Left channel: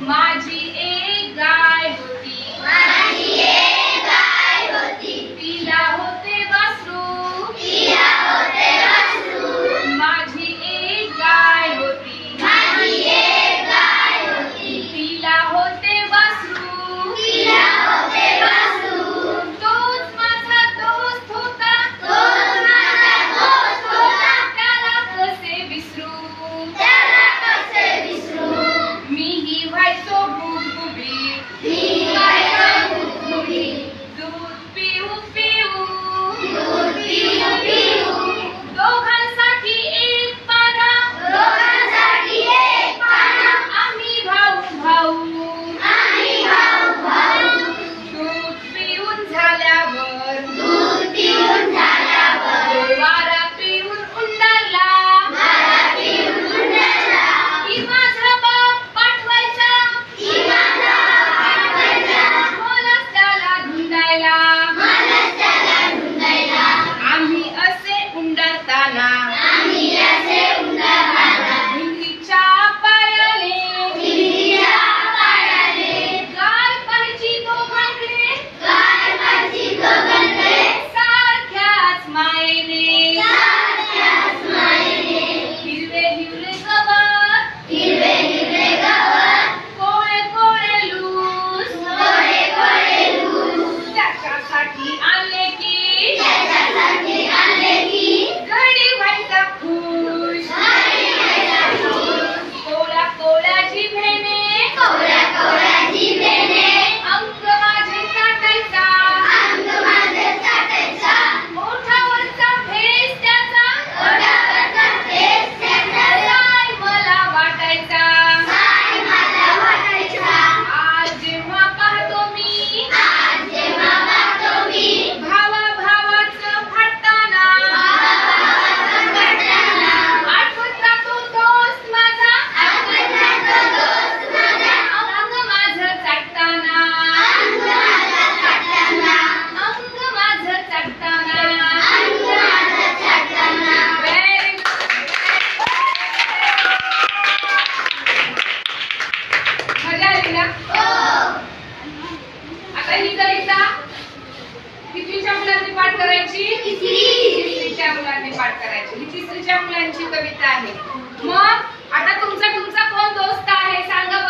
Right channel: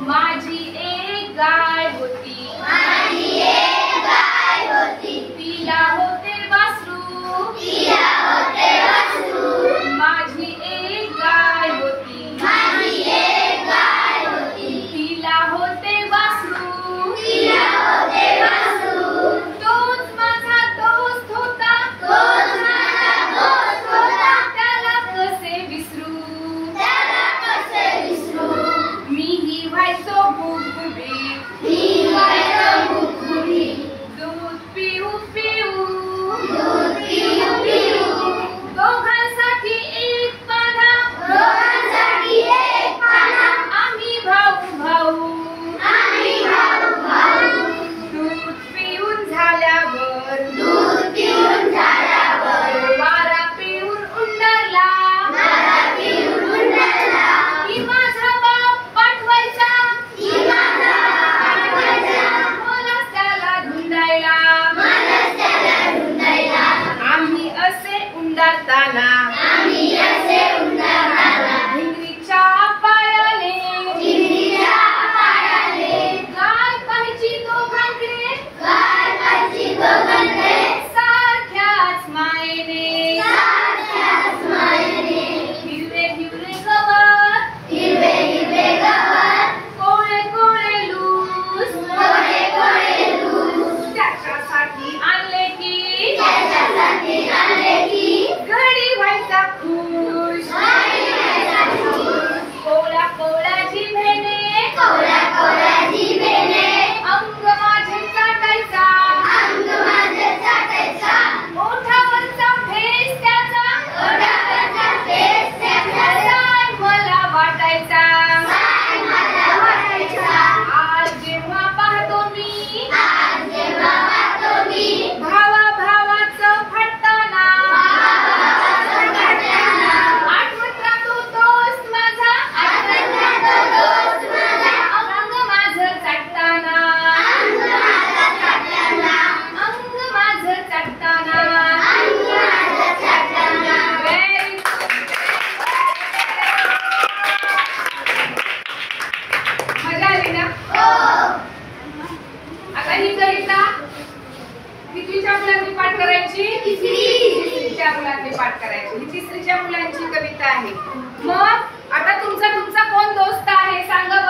माझी एक गाय होती, तिला होते वासरू, माझी एक गाय होती, तिला होते वासरू, तोच माझा दोस्त होता, त्याला कसे विसरू, मीही व्हायचो गुबगुबीत, दूध पिऊ पिऊ, दोघांसाठी एक पाधा, आम्ही भाऊ भाऊ, दूध पिऊन झाल्यावर वारा पिऊन उंडारला, की माझा बाप पाठवायचा मलाच त्याला धुंडायला, आम्ही असे उंडारताना भिंगरीच्या पायाने गाय पाहायची दोघांकडे, सारख्याच मायेने, हिरवे हिरवे गवत, कोळे कोळे लूस, त्याच्यासाठी आणले की घडी व्हायचा खुश, कोळ्या कोळ्या जिभेने अंग माझे चाटायचा, ओठावरचा फेस त्याचा साय मला वाटायचा, आज जेव्हा पाहतो मी भावा भावाचं फाटताना, आठवत राहतो दोस्त माझा अंग माझं चाटताना, अंग माझं चाटताना. Very good. मजा आली ना? आता ही कविता कितवीच्या मुलांनी पाठ करायची? तिसरीच्या मुलांनी पाठ करायची. ही तिसरीच्या मुलांची कविता आहे. मग आता तुमचा कोण दोस्त आहे सांगा